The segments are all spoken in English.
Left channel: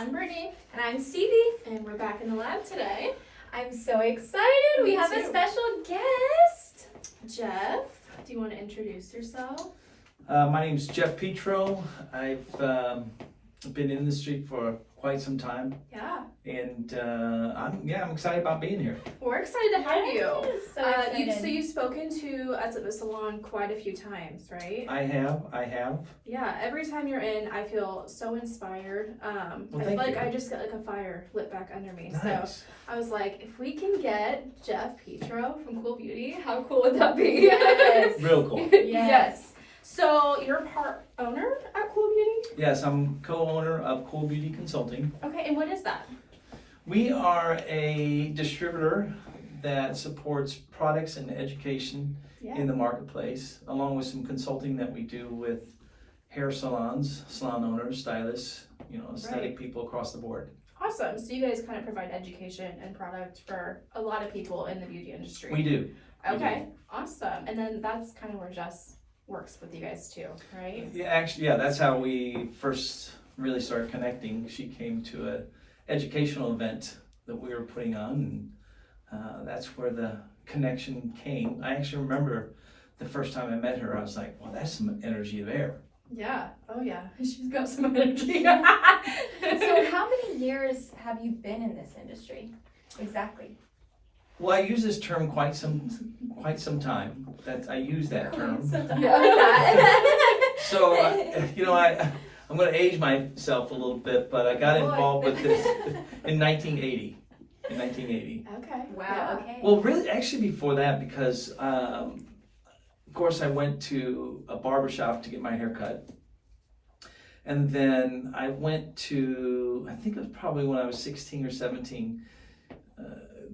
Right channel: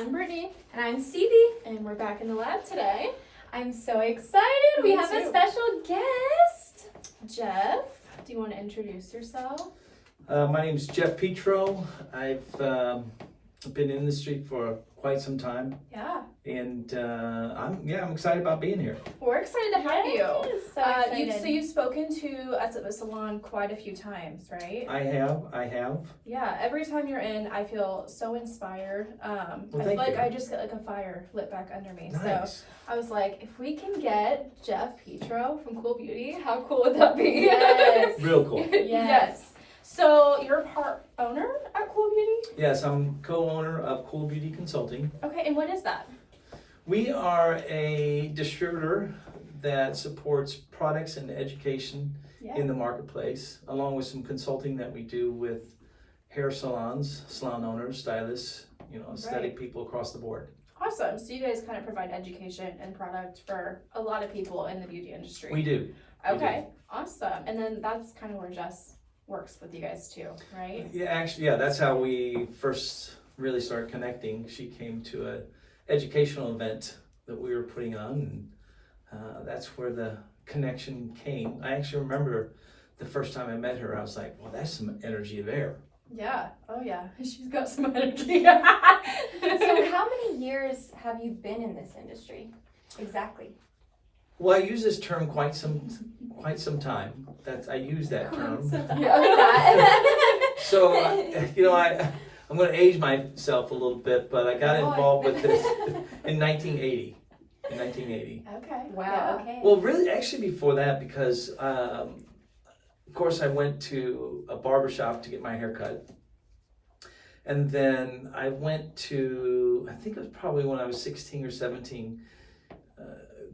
I'm Brittany. And I'm Stevie. And we're back in the lab today. I'm so excited. We have a special guest. Jeff, do you want to introduce yourself? My name's Jeff Petro. I've been in the industry for quite some time, Yeah. and I'm excited about being here. We're excited to have you. So excited. You've spoken to us at the salon quite a few times, right? I have. Yeah, every time you're in, I feel so inspired. I feel thank like you. I just get like a fire lit back under me. So Nice. I was like, if we can get Jeff Petro from Cool Beauty, how cool would that be? Yes. Real cool. Yes. So you're part owner at Cool Beauty? Yes, I'm co-owner of Cool Beauty Consulting. Okay, and what is that? We are a distributor that supports products and education Yeah. in the marketplace, along with some consulting that we do with hair salons, salon owners, stylists, aesthetic people across the board. Awesome. So you guys kind of provide education and product for a lot of people in the beauty industry. We do. Okay, awesome. And then that's kind of where Jess works with you guys too, right? Yeah, actually, yeah, that's how we first really started connecting. She came to an educational event that we were putting on, and that's where the connection came. I actually remember the first time I met her, I was like, well, that's some energy there. Yeah. Oh yeah. She's got some energy. So how many years have you been in this industry? Exactly. Well, I use this term quite some time. I use that term. Yeah, like that. So, I'm going to age myself a little bit, but I got involved with this in 1980. Okay. Wow, okay. Well, really, actually before that, because of course I went to a barbershop to get my hair cut. And then I went to, I think it was probably when I was 16 or 17,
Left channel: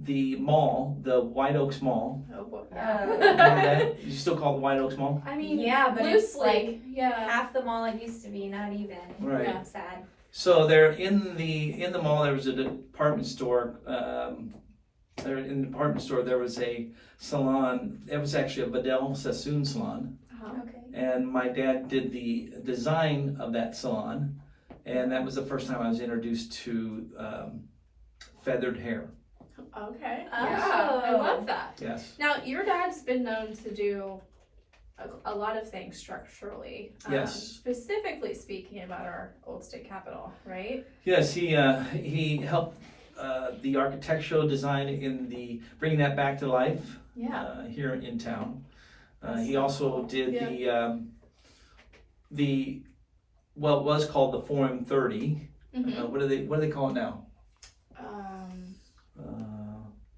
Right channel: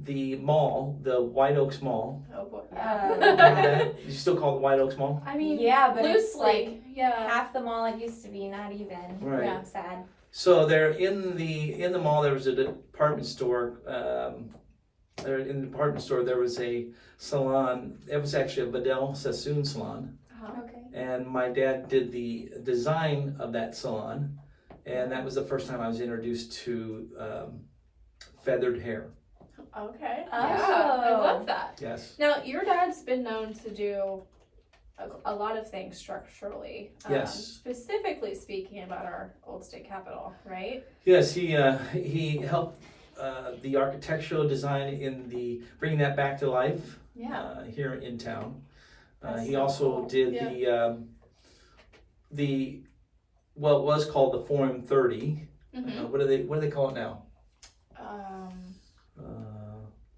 the mall, the White Oaks Mall. Oh boy. Remember that? You still call it the White Oaks Mall? I mean, Yeah, but it's loosely, yeah. half the mall it used to be, not even. Right. Yeah, sad. So there in the mall there was a department store. There in the department store there was a salon. It was actually a Vidal Sassoon salon, Okay. and my dad did the design of that salon, and that was the first time I was introduced to feathered hair. Okay. Oh. Yeah, I love that. Yes. Now, your dad's been known to do a lot of things structurally. Yes. Specifically speaking about our old state capitol, right? Yes, he helped the architectural design in the bringing that back to life. Yeah. Here in town. That's He so also cool. did the well, it was called the Forum 30. Mhm. What do they call it now?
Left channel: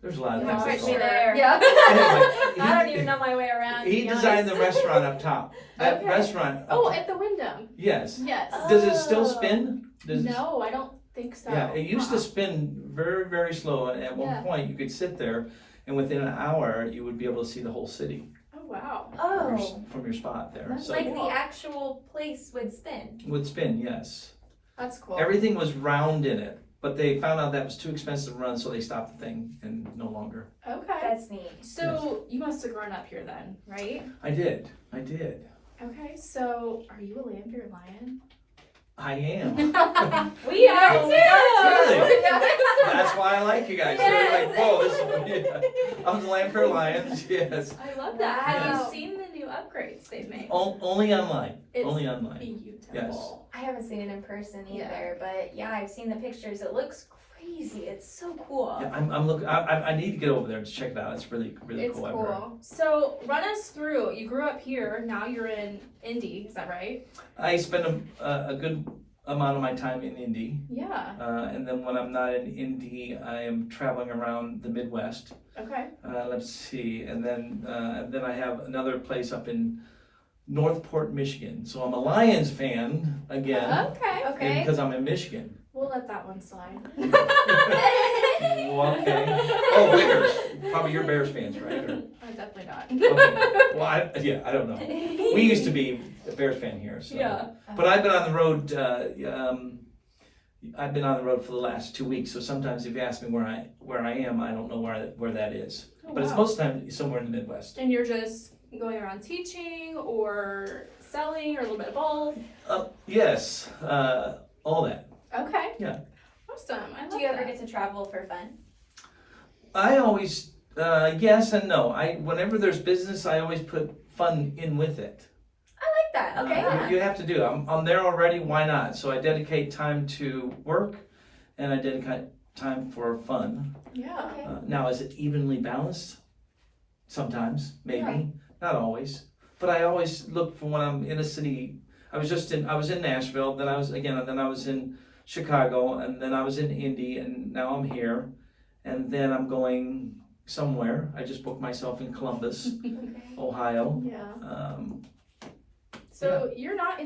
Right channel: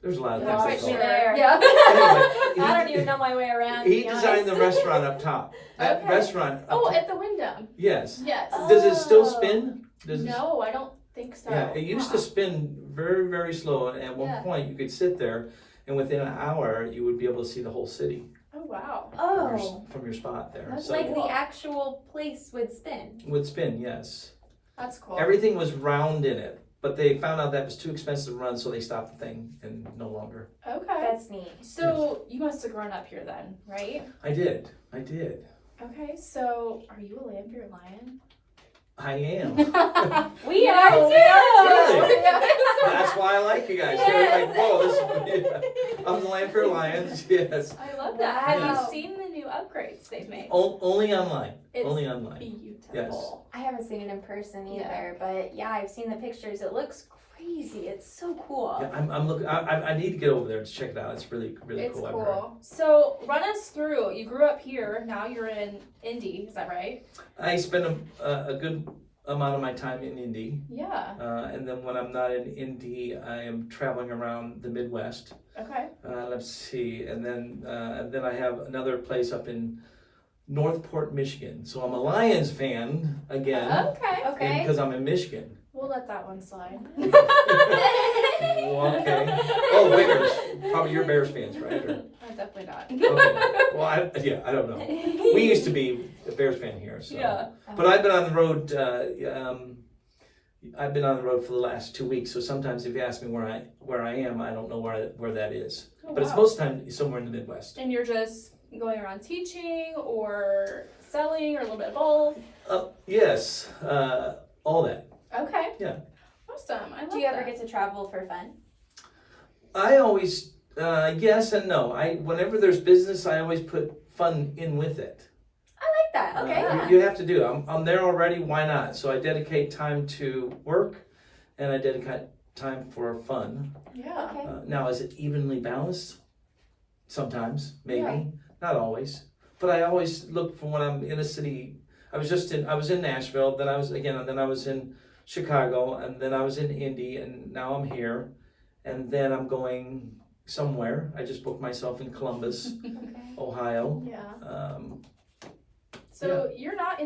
There's a lot of You're things they right call it. there. Yeah. Anyway, I don't even know my way around. to he be designed the honest. restaurant up top. That Okay. restaurant. Up Oh, top. at the Wyndham. Yes. Yes. Does it still Oh. spin? Does it- No, I don't think so. Yeah, it used to Uh-uh. spin very, very slow, and at one Yeah. point you could sit there, and within an hour you would be able to see the whole city Oh wow. Oh. from your spot there. That's So Like cool. the actual place would spin. it would spin, yes. That's cool. Everything was round in it, but they found out that was too expensive to run, so they stopped the thing and no longer. Okay. That's neat. So you must have grown up here then, right? I did. Okay. So are you a Lanfear Lion? I am. We are know, too! Really? That's why I like you guys. You're like, whoa, this is I'm the Lanfear Lions, yes. I love that. Have Wow. you seen the new upgrades they've made? Only online. It's Only online. beautiful. I haven't seen it in person either, Yeah. but yeah, I've seen the pictures. It looks crazy. It's so cool. Yeah, I'm looking. I need to get over there to check it out. It's really It's cool. cool. I've heard. So run us through. You grew up here. Now you're in Indy. Is that right? I spend a good amount of my time in Indy, Yeah. and then when I'm not in Indy, I am traveling around the Midwest. Okay. Let's see, and then I have another place up in Northport, Michigan. So I'm a Lions fan again, Okay. Okay. because I'm in Michigan. We'll let that one slide. Well, okay. Oh, Bears. Probably you're Bears fans, right? Or, Definitely not. okay. Well, I don't know. We used to be a Bears fan here, so. Yeah. But I've been on the road. I've been on the road for the last 2 weeks. So sometimes if you ask me where I am, I don't know where that is. Oh, But it's wow. most of the time somewhere in the Midwest. And you're just going around teaching or selling or a little bit of both? Yes, all that. Okay. Yeah. awesome. I love Do you ever that. get to travel for fun? I always, yes and no. Whenever there's business, I always put fun in with it. I like that. Okay. Yeah. You have to do. I'm there already. Why not? So I dedicate time to work, and I dedicate time for fun. Yeah. Okay. Now, is it evenly balanced? Sometimes, maybe, Yeah. not always. But I always look for when I'm in a city. I was in Nashville. Then I was in Chicago, and then I was in Indy, and now I'm here, and then I'm going somewhere. I just booked myself in Columbus, Okay. Ohio. Yeah. So you weren't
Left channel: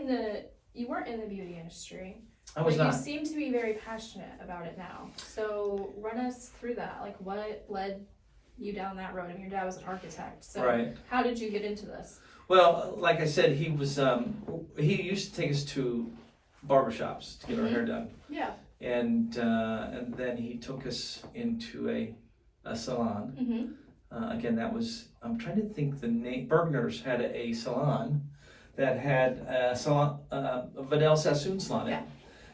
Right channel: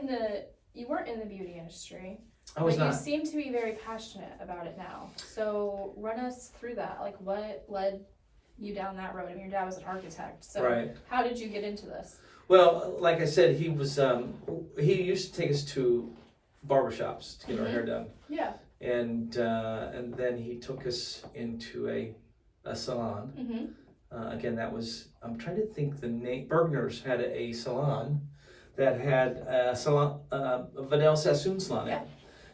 in the beauty industry. I was but not. You seem to be very passionate about it now. So run us through that. Like, what led you down that road? I mean, your dad was an architect. So Right. how did you get into this? Well, like I said, he used to take us to barbershops to get our hair done, Yeah. and then he took us into a salon. Mm-hmm. Again, I'm trying to think the name. Bergner's had a salon that had a salon, a Vidal Sassoon salon. Yeah.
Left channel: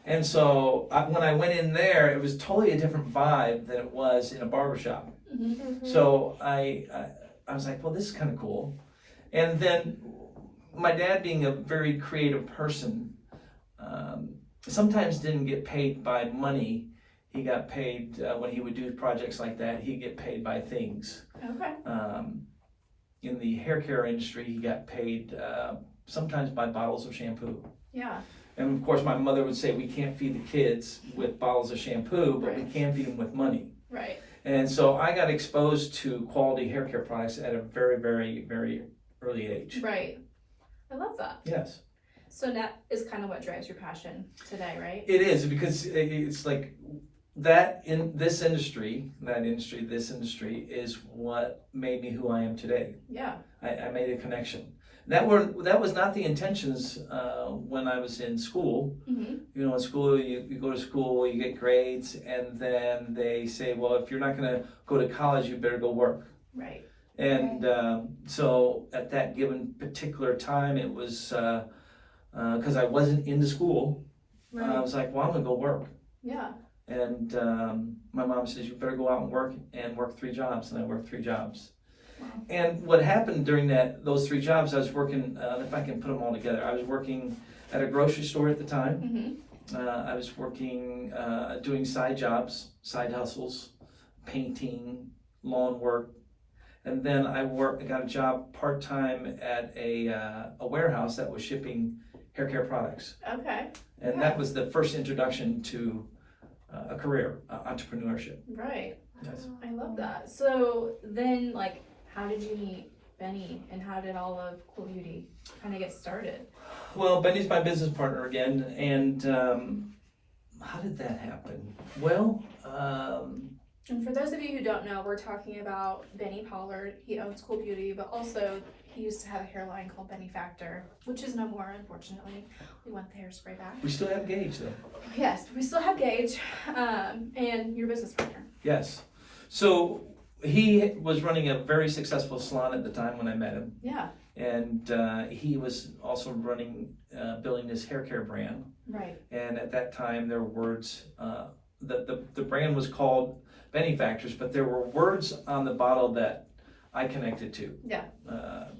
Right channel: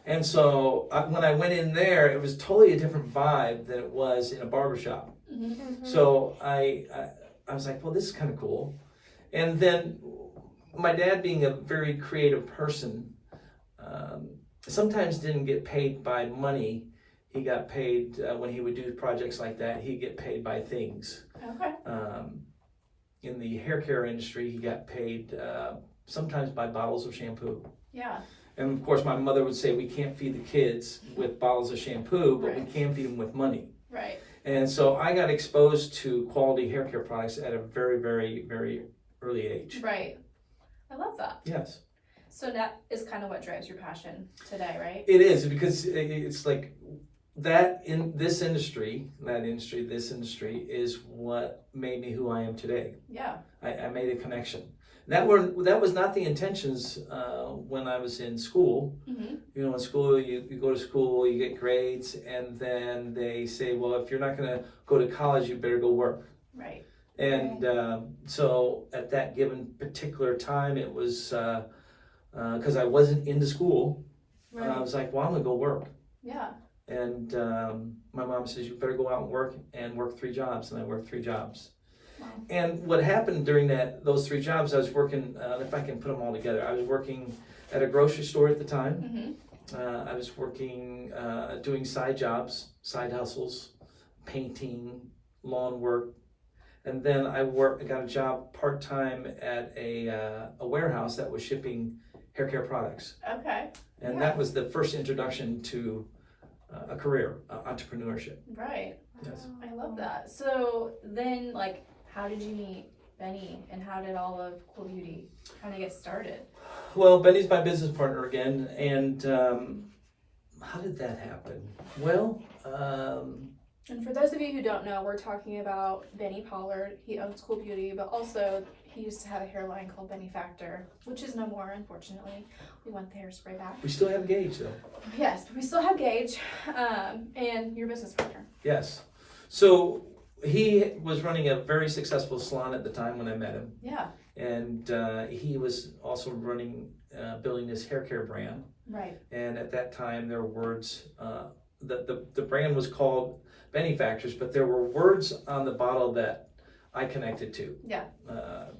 And so when I went in there, it was totally a different vibe than it was in a barbershop. Mm-hmm. So I was like, well, this is kind of cool. And then my dad, being a very creative person, sometimes didn't get paid by money. He got paid when he would do projects like that. He'd get paid by things. Okay. In the hair care industry, he got paid sometimes by bottles of shampoo. Yeah. And of course, my mother would say, we can't feed the kids with bottles of shampoo, but we Right. can feed them with money. Right. And so I got exposed to quality hair care products at a very, very, very early age. Right. I love that. Yes. So that is kind of what drives your passion today, right? It is, because it's like that in this industry, this industry is what made me who I am today. Yeah. I made a connection. That was not the intentions when I was in school. Mm-hmm. You know, in school, you go to school, you get grades, and then they say, well, if you're not going to go to college, you better go work. Right. And so at that given particular time, it was because I wasn't into school. I Right. was like, well, I'm going to go work. Yeah. And my mom says, you better go out and work 3 jobs. And I worked 3 jobs. Wow. And what happened during those 3 jobs, I was working, if I can put them all together, I was working at a grocery store at the time. Mm-hmm. I was working, doing side jobs, side hustles, painting, lawn work. And then I got a job part-time at a warehouse that was shipping hair care products. Okay. And that was the first introduction to a career, entrepreneurship. Right. Yes. I love that. So then, like, how did you meet Benny, and how did all of Cool Beauty kind of get started? Well, Benny's my business partner again, and how did that happen? Well, And for those of you who don't know, we're talking about Benny Pollard. He owns Cool Beauty, but also he used to have a hairline called Benny Factor, which is no more, unfortunately. We want the hairspray back. we still have Gage though. Yes, we still have Gage, and your business partner. Yes. So he was running a very successful salon at the time when I met him. Yeah. And he was also building his hair care brand. Right. And at that time, there were words, the brand was called Benny Factors, but there were words on the bottle that I connected to. Yeah.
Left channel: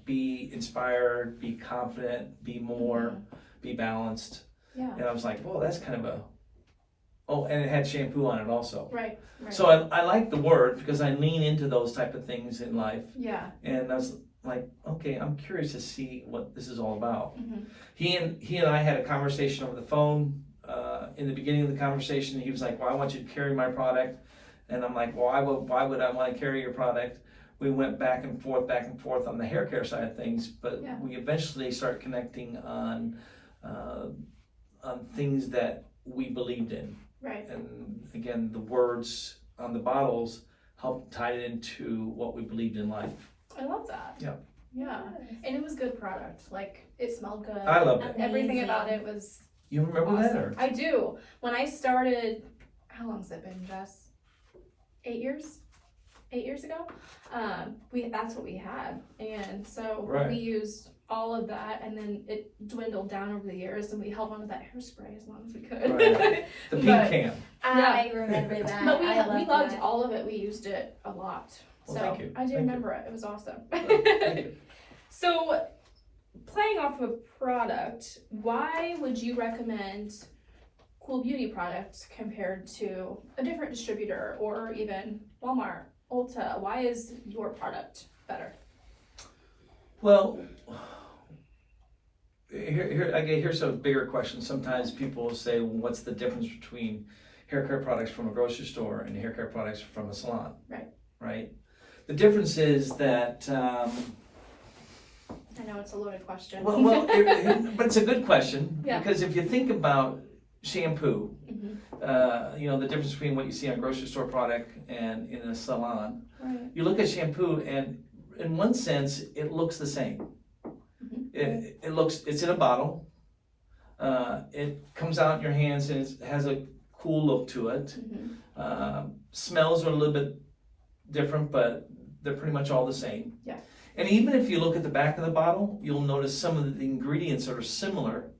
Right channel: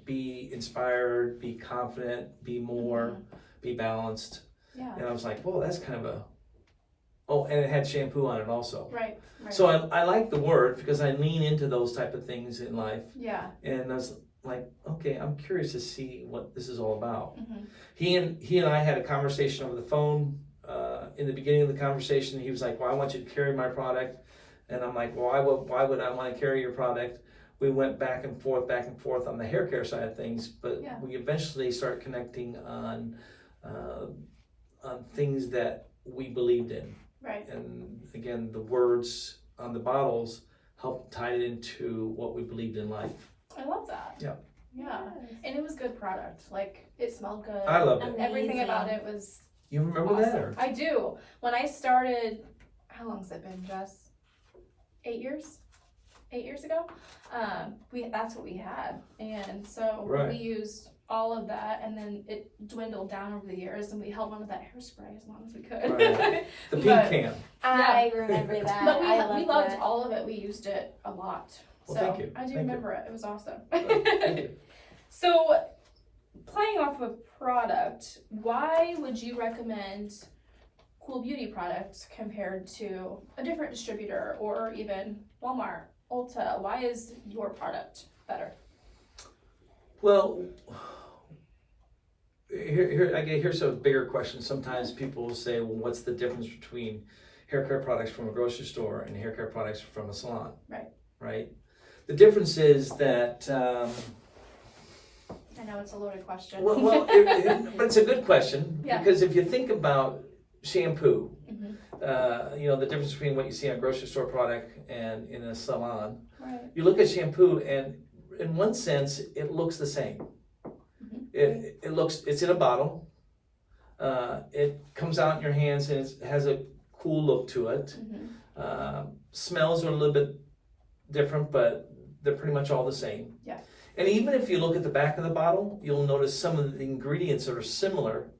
Be inspired, be confident, be more, be balanced. Yeah. And I was like, whoa, that's kind of and it had shampoo on it also. Right. Right. So I like the word because I lean into those type of things in life. Yeah. And I was like, okay, I'm curious to see what this is all about. Mm-hmm. He and I had a conversation over the phone. In the beginning of the conversation, he was like, well, I want you to carry my product. And I'm like, well, why would I want to carry your product? We went back and forth on the hair care side of things, but we eventually started connecting on things that we believed in. Right. And again, the words on the bottles helped tie it into what we believed in life. I love that. Yeah. Yeah. And it was good product. Like, it smelled good. I loved it. And everything Amazing. about it was You remember awesome. that? Or? I do. When I started, how long's it been, Jess? 8 years? 8 years ago? That's what we had. And so Right. we used all of that, and then it dwindled down over the years, and we held on to that hairspray as long as we could. Right. The pink But can. I remember that. But we I loved that. all of it. We used it a lot. Well, So thank you. I do Thank remember it. It was awesome. Thank you. So playing off of a product, why would you recommend Cool Beauty products compared to a different distributor or even Walmart, Ulta? Why is your product better? Well, here's a bigger question. Sometimes people say, well, what's the difference between hair care products from a grocery store and hair care products from a salon? Right? The difference is that, I know it's a loaded question. but it's a good question, Yeah. because if you think about shampoo, Mhm. the difference between what you see on a grocery store product and in a salon, Right. you look at shampoo and in one sense, it looks the same. It's in a bottle. It comes out in your hands and it has a cool look to it. Smells are a little bit different, but they're pretty much all the same. Yeah. And even if you look at the back of the bottle, you'll notice some of the ingredients that are similar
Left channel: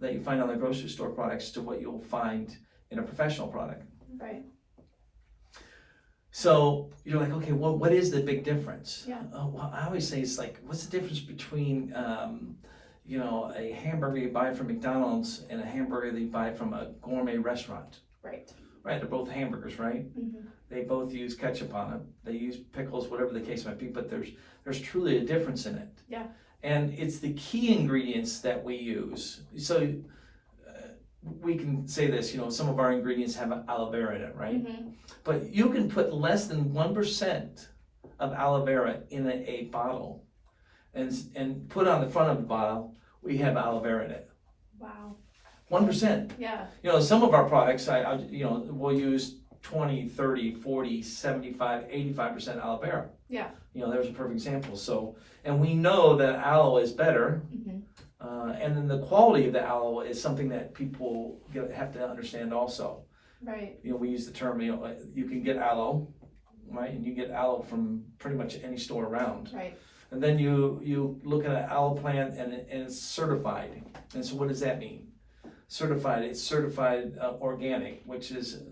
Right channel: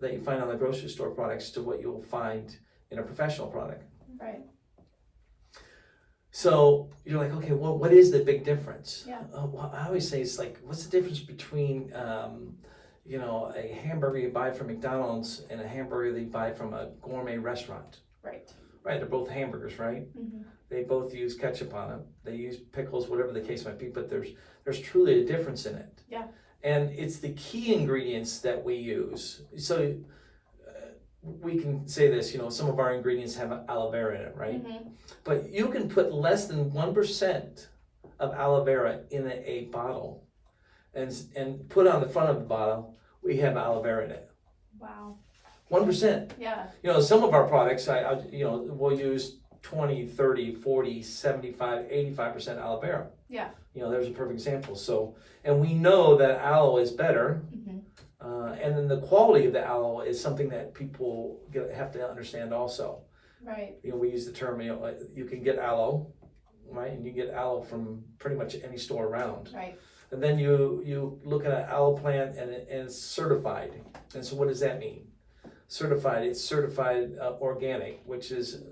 that you find on the grocery store products to what you'll find in a professional product. Right. So you're like, okay, well, what is the big difference? Yeah. Well, I always say it's like, what's the difference between, a hamburger you buy from McDonald's and a hamburger that you buy from a gourmet restaurant? Right. Right, they're both hamburgers, right? They both use ketchup on them. They use pickles, whatever the case might be, but there's truly a difference in it. Yeah. And it's the key ingredients that we use. So we can say this, some of our ingredients have aloe vera in it, right? But you can put less than 1% of aloe vera in a bottle and put on the front of the bottle, we have aloe vera in it. Wow. 1%. Yeah. Some of our products, we'll use 20, 30, 40, 75, 85% aloe vera. Yeah. There's a perfect example. So, and we know that aloe is better. And then the quality of the aloe is something that people have to understand also. Right. We use the term, you can get aloe, right? And you get aloe from pretty much any store around. Right. And then you look at an aloe plant and it's certified. And so what does that mean? Certified, it's certified organic, which is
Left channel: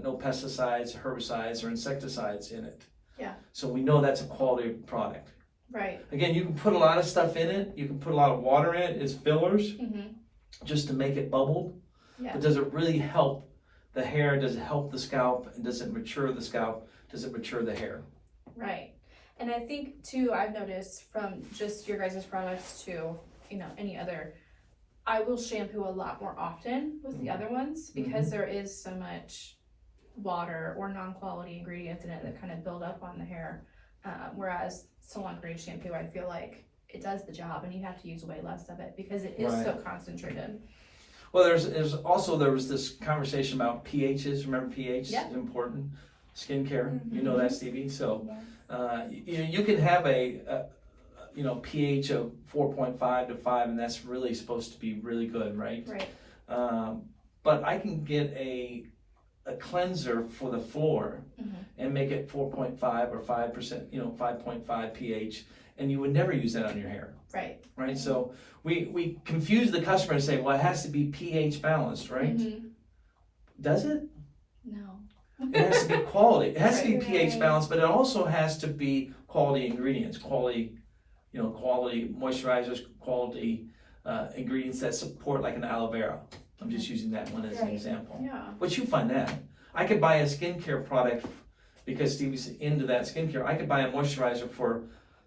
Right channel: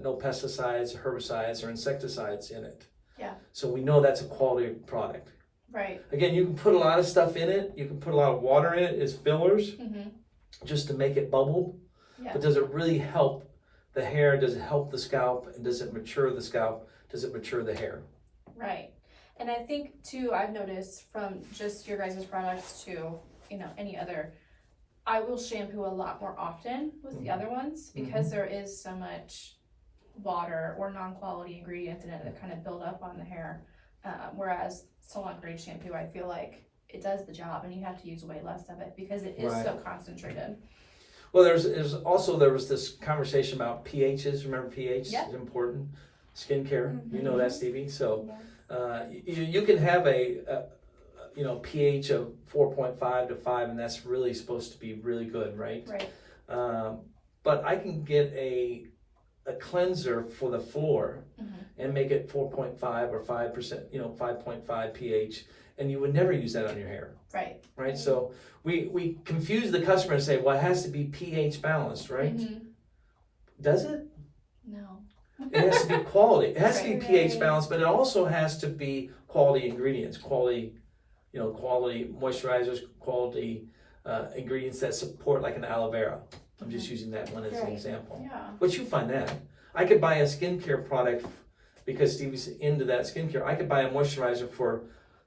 no pesticides, herbicides, or insecticides in it. Yeah. So we know that's a quality product. Right. Again, you can put a lot of stuff in it. You can put a lot of water in it as fillers just to make it bubble. Yeah. But does it really help the hair? Does it help the scalp? And does it mature the scalp? Does it mature the hair? Right. And I think too, I've noticed from just your guys' products to, any other, I will shampoo a lot more often with the other ones because there is so much water or non-quality ingredients in it that kind of build up on the hair. Whereas salon grade shampoo, I feel like it does the job and you have to use way less of it because it is so concentrated. Well, there was this conversation about pHs. Remember pH is important. Skincare, you know that, Stevie. So you can have a pH of 4.5 to 5, and that's really supposed to be really good, right? Right. But I can get a cleanser for the floor and make it 4.5 or 5%, 5.5 pH, and you would never use that on your hair. Right. Right. So we confuse the customer and say, well, it has to be pH balanced, right? Does it? No. It has to be quality. It has to be Right. pH balanced, but it also has to be quality ingredients, quality moisturizers, quality ingredients that support, like an aloe vera. I'm just using that one as an example. Yeah. But you find that. I could buy a skincare product because Stevie's into that skincare. I could buy a moisturizer for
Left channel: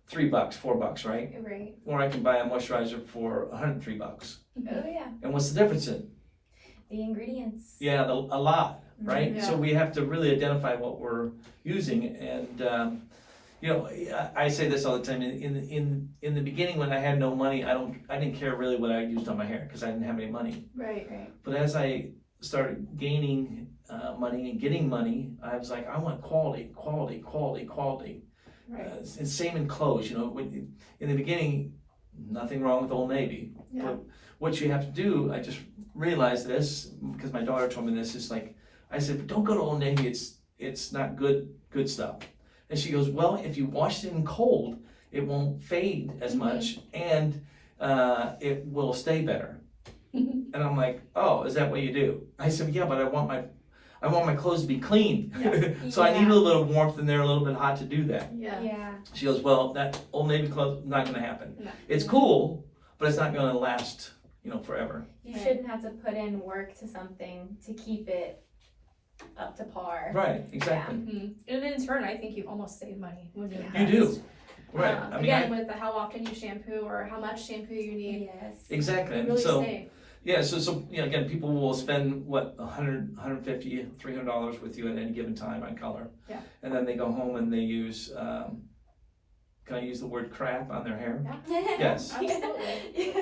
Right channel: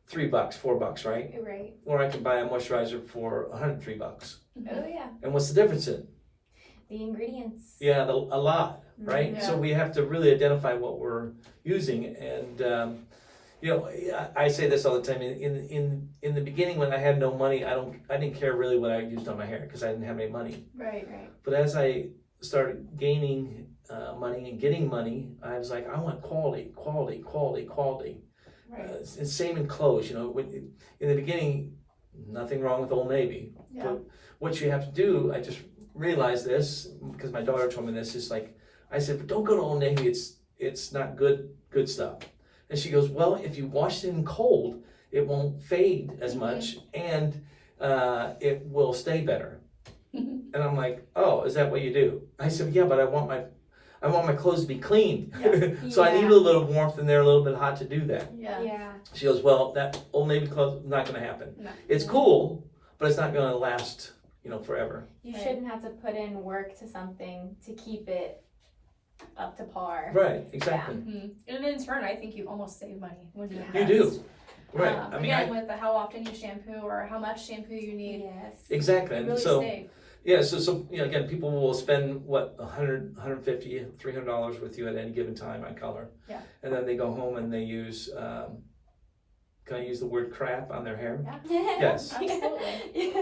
$3, $4, right? Right. Or I could buy a moisturizer for $103. Oh yeah. And what's the difference in? The ingredients. Yeah, a lot, right? Yeah. So we have to really identify what we're using, and I say this all the time. In the beginning, when I had no money, I didn't care really what I used on my hair because I didn't have any money. Right. But as I started gaining money and getting money, I was like, I want quality. Right. And same in clothes. In the beginning, nothing wrong with Old Navy, Yeah. but what you have to do, I just realized this because my daughter told me this. Is like, I said, don't go to Old Navy. It's not good stuff. And she goes, well, if you wash it in cold, it won't fade as much, and it will stay better. And I'm like, oh, is that what you do? I said, yeah, but I want I want my clothes to be clean. Yeah. So I need a little warmth in there, a little bit hot to do that. Yeah. Yeah. She goes, well, that Old Navy clothes not going to happen. No. It's cool, but it's not going to last, forever. You Right. shouldn't have to put in work to something to keep it up to par. Right, exactly. Mhm. And in turn, I think you almost save money when you You invest. do. Right. I mean, Again, with how often you shampoo or how much shampoo you need, Yes. exactly. you And really so, save. yeah, so again, people will spend $100, $150, $300 with you at any given time on color. Yeah. And then they go home and they use, can I use the word crap on their hair? Yes. Absolutely.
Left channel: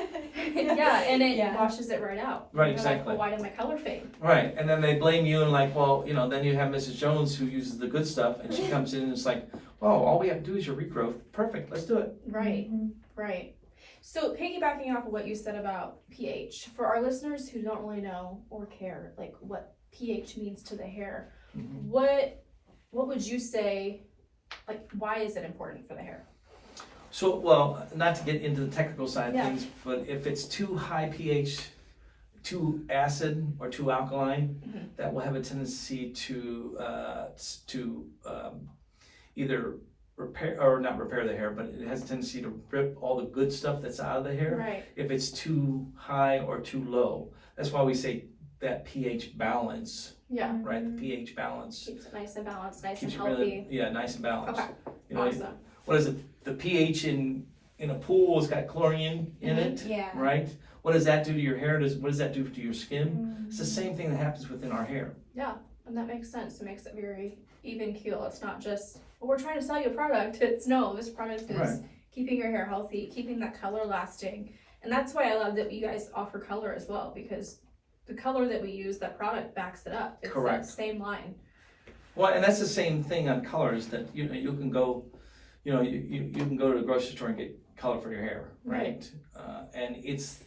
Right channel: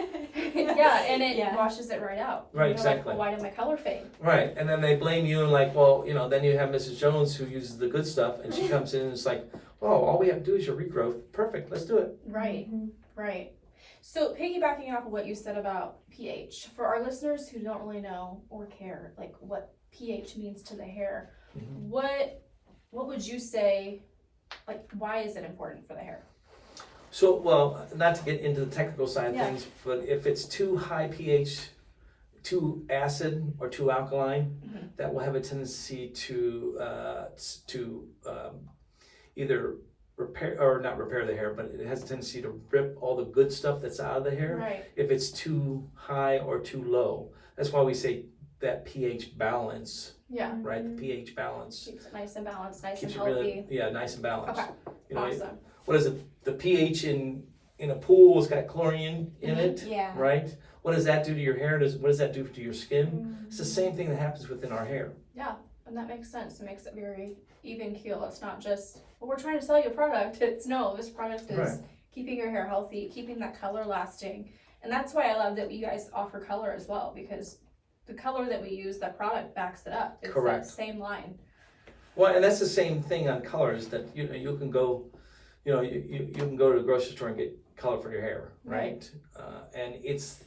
Yeah, and it Yeah. washes it right out. Right, They're exactly. Like, well, why did my color fade? Right, and then they blame you and like, well, then you have Mrs. Jones who uses the good stuff and she comes in and it's like, oh, all we have to do is your regrowth. Perfect, let's do it. Right, Mhm. right. So piggybacking off of what you said about pH, for our listeners who don't really know or care, like what pH means to the hair, Mhm. what would you say, like why is it important for the hair? So, well, not to get into the technical side of Yeah. things, but if it's too high pH, too acid or too alkaline, Mhm. that will have a tendency to either repair or not repair the hair, but it has a tendency to rip all the good stuff that's out of the hair. Right, If it's too high or too low, that's why we say that pH balance, yeah. right? The pH balance Keeps it nice and balanced, nice keeps and it healthy. really, nice and balanced. Okay, You know, awesome. what is it? The pH in a pool has got chlorine in Mhm. it, Yeah. right? What does that do to your hair? What does that do to your skin? Mhm. It's the same thing that happens within our hair. And that makes sense. It makes it very even keel. It's not just, well, we're trying to sell you a product. It's no, this product is Right. keeping your hair healthy, keeping that color lasting. And that's why I love that you guys offer color as well, because the color that we use, that product backs it up. It's Correct. that same line. Well, and that's the same thing on colors that you can go, you can go to the grocery store and get color for your hair, right? And it's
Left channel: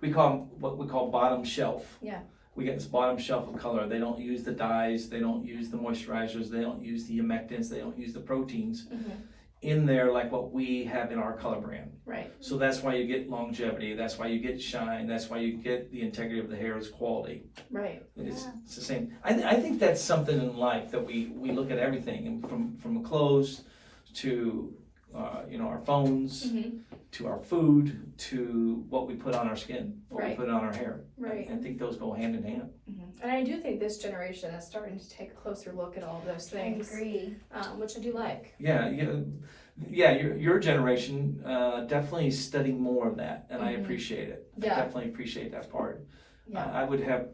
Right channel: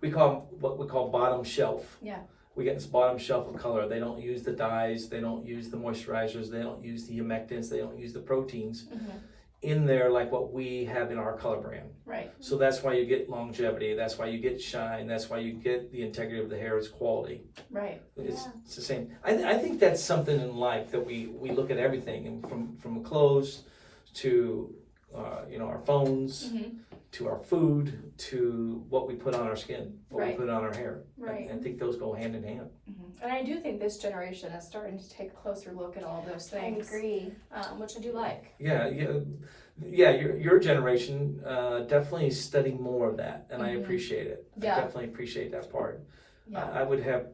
what we call bottom shelf. Yeah. We get this bottom shelf of color. They don't use the dyes, they don't use the moisturizers, they don't use the humectants, they don't use the proteins in there like what we have in our color brand. Right. So that's why you get longevity, that's why you get shine, that's why you get the integrity of the hair, it's quality. Right. It's the same. I think that's something in life that we look at everything, and from clothes to our phones Mm-hmm. to our food to what we put on our skin, what Right. we put on our hair. Right. I think those go hand in hand. And I do think this generation is starting to take a closer look at all of those I things, agree. which I do like. Yeah. Your generation definitely is studying more of that, and I Mhm. appreciate it. Yeah. I definitely appreciate that part. Yeah, I would have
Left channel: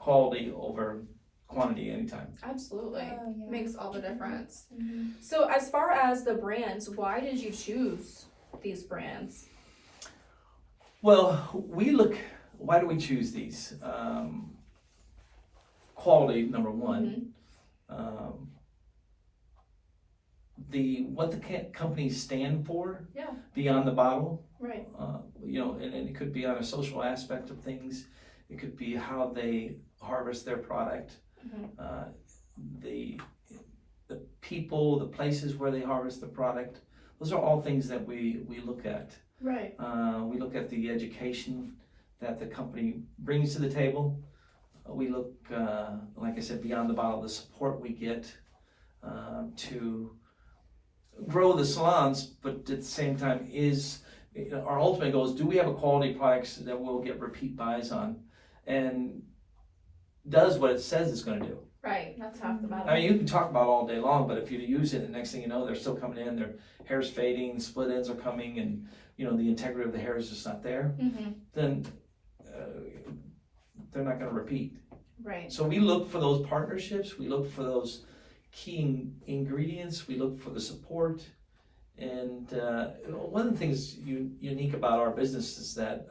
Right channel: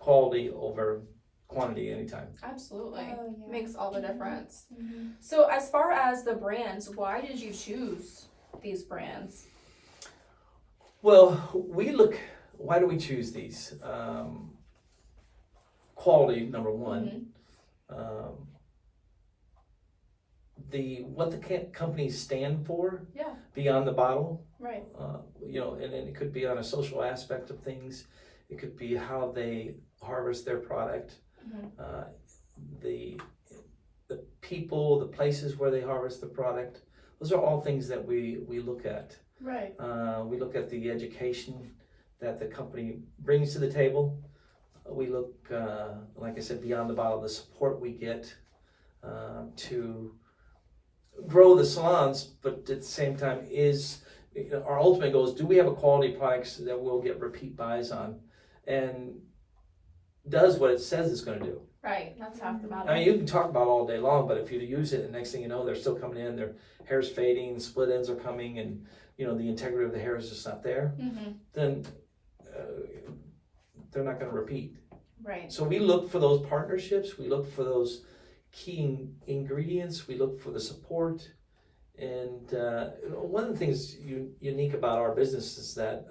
quality over quantity anytime. absolutely. Oh, yeah. Makes all the difference. Mhm. So as far as the brands, why did you choose these brands? Well, why do we choose these? Quality, number one. What the companies stand for Yeah. beyond the bottle, Right. and it could be on a social aspect of things. It could be how they harvest their product, the people, the places where they harvest the product. Those are all things that we look at. Right. We look at the education that the company brings to the table. We look, like I said, beyond the bottle, the support we get to grow the salons, but at the same time our ultimate goal is, do we have a quality products that we'll get repeat buys on and does what it says it's going to do. Right. That's half the battle. I mean, you can talk about it all day long, but if you use it, the next thing you know, they're still coming in, their hair's fading, split ends are coming, and the integrity of the hair is just not there, then they're not going to repeat. Right. So we look for those partnerships, we look for those key ingredients, we look for the support, and one of the things unique about our business is that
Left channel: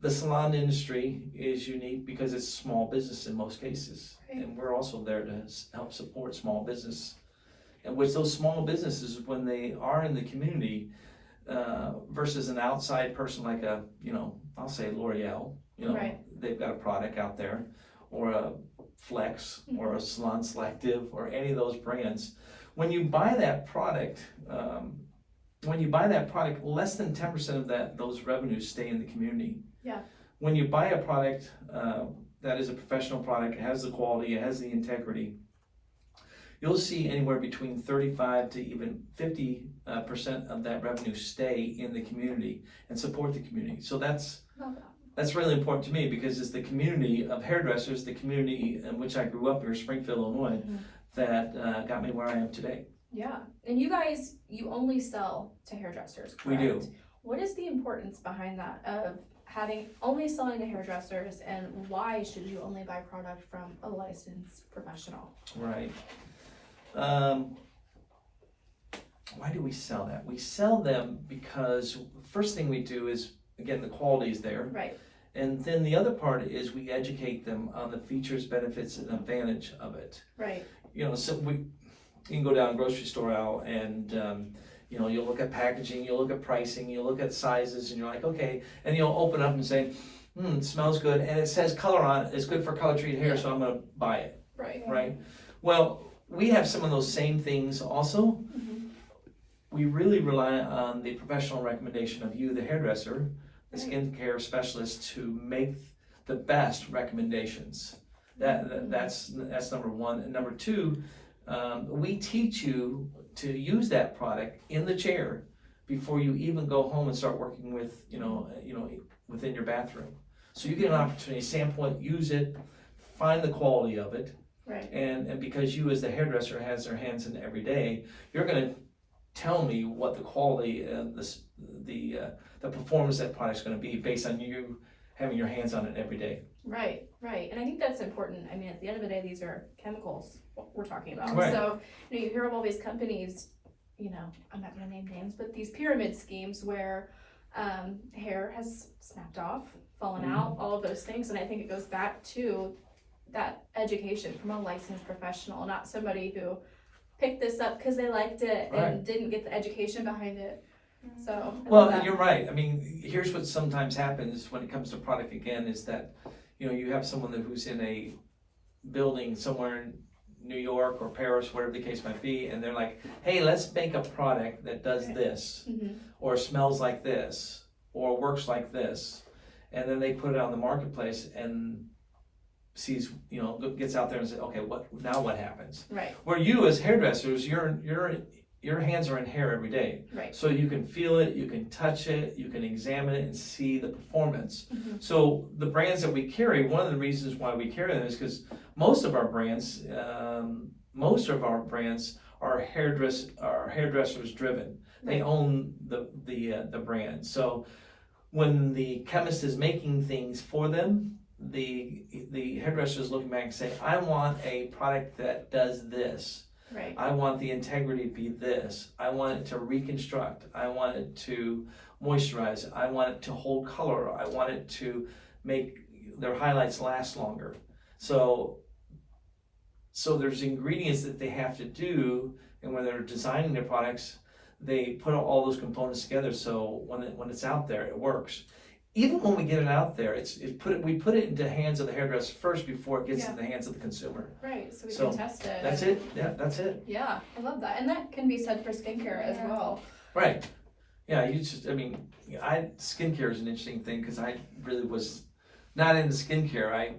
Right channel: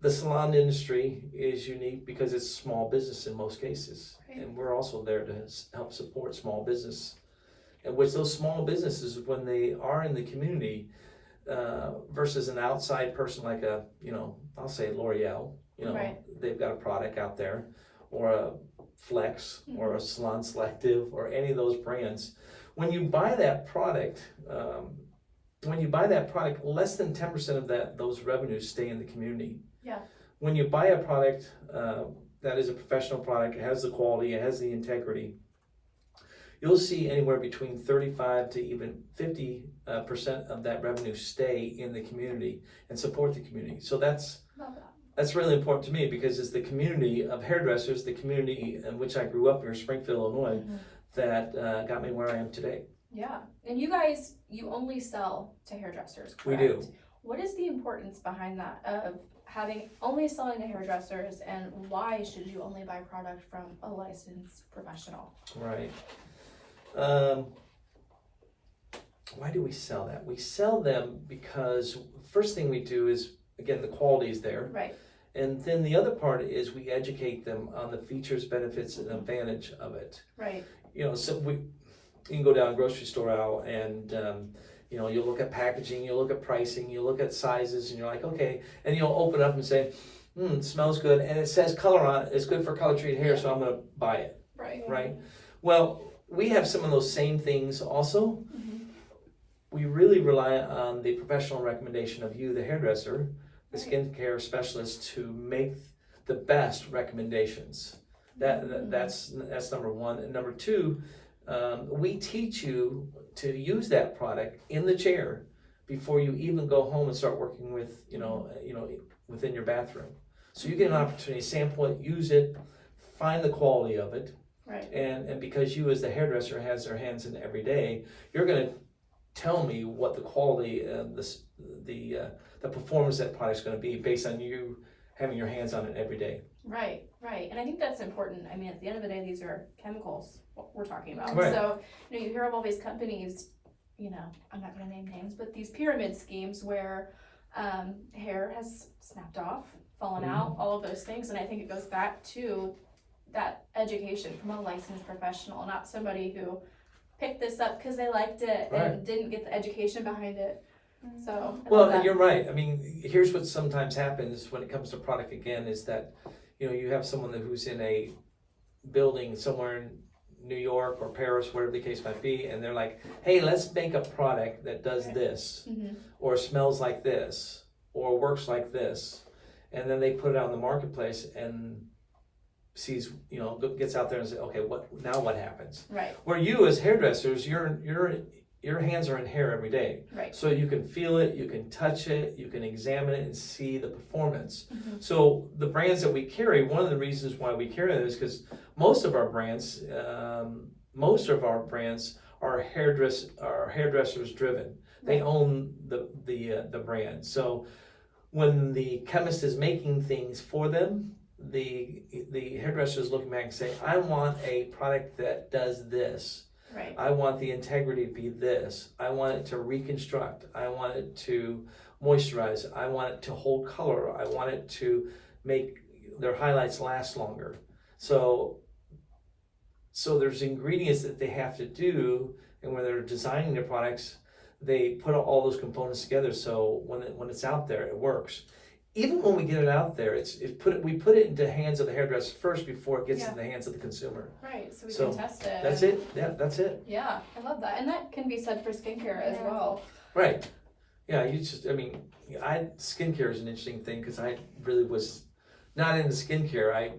the salon industry is unique because it's small business in most cases, and we're also there to help support small business, and which those small businesses, when they are in the community, versus an outside person like I'll say L'Oreal, Right. they've got a product out there, or a Flex, or a Salon Selective, or any of those brands. When you buy that product, less than 10% of those revenues stay in the community. Yeah. When you buy a product that is a professional product, it has the quality, it has the integrity, you'll see anywhere between 35 to even 50% of that revenue stay in the community and support the community. So that's really important to me, because it's the community of hairdressers, the community in which I grew up here, Springfield, Illinois, that got me where I am today. Yeah, and you guys, you only sell to hairdressers, correct? We do. What is the importance behind that of only selling to hairdressers, and why should you only buy product from a licensed professional? Right. Why do we sell that? We sell them because first thing we do is, again, the quality is there. Right. And then the other part is we educate them on the features, benefits, and advantage of it. Right. You know, so you can go down a grocery store aisle and you know, you'll look at packaging, you'll look at pricing, you'll look at sizes, and you're like, okay, and you'll open up and say, it smells good, and it says color on it, it's good for color treated hair, so I'm gonna buy it. Right. Right? Well, we have some of those same things also. We really rely on the professional recommendation of you, the hairdresser, the skincare specialist, to make the best recommendations. That's number one. And number two, we teach you to use that product in the chair before you even go home and start working with, you know, within your bathroom. So you get an opportunity to sample it, use it, find the quality of it. Right. And because you as the hairdresser has their hands in every day, you're going to tell me what the quality and the performance of that product's going to be based on you having your hands on it every day. Right, right. And I think that's important. I mean, at the end of the day, these are chemicals we're talking about. Right. So, you know, you hear of all these companies, you know, I'm not going to name names, but these pyramid schemes where hair has snapped off, fallen out, all of those things. And I think it goes back to that education from a licensed professional, not somebody who picked this up because they liked it and didn't get the education behind it. So, well, you're right. I mean, here's what sometimes happens when it comes to product again is that, you know, you have someone who's in a building somewhere in New York or Paris, whatever the case might be, and they're like, hey, let's make a product that does this, or smells like this, or works like this. And then they put it on the marketplace and sees, you know, gets out there and says, okay, what happens? Right. Where you as hairdressers, your hands are in hair every day. Right. So you can feel it, you can touch it, you can examine it and see the performance. So the brands that we carry, one of the reasons why we carry them is because most of our brands are hairdressers driven. They own the brand. So when the chemist is making things for them, the hairdresser is looking back and say, I want a product that does this. Right. I want the integrity to be this. I want it to reconstruct. I want it to moisturize. I want it to hold color. I want it to make their highlights last longer. So there's ingredients that they have to do, and when they're designing their products, they put all those components together so when it's out there, it works. Even when we get it out there, we put it into the hands of the hairdresser first before it gets in the hands of the consumer. Right, so we can test it. That's it. Yeah, that's it. Yeah, I love that. And that can be said for skincare as well. Right. Yeah, skincare is an interesting thing because I really was not into skincare. I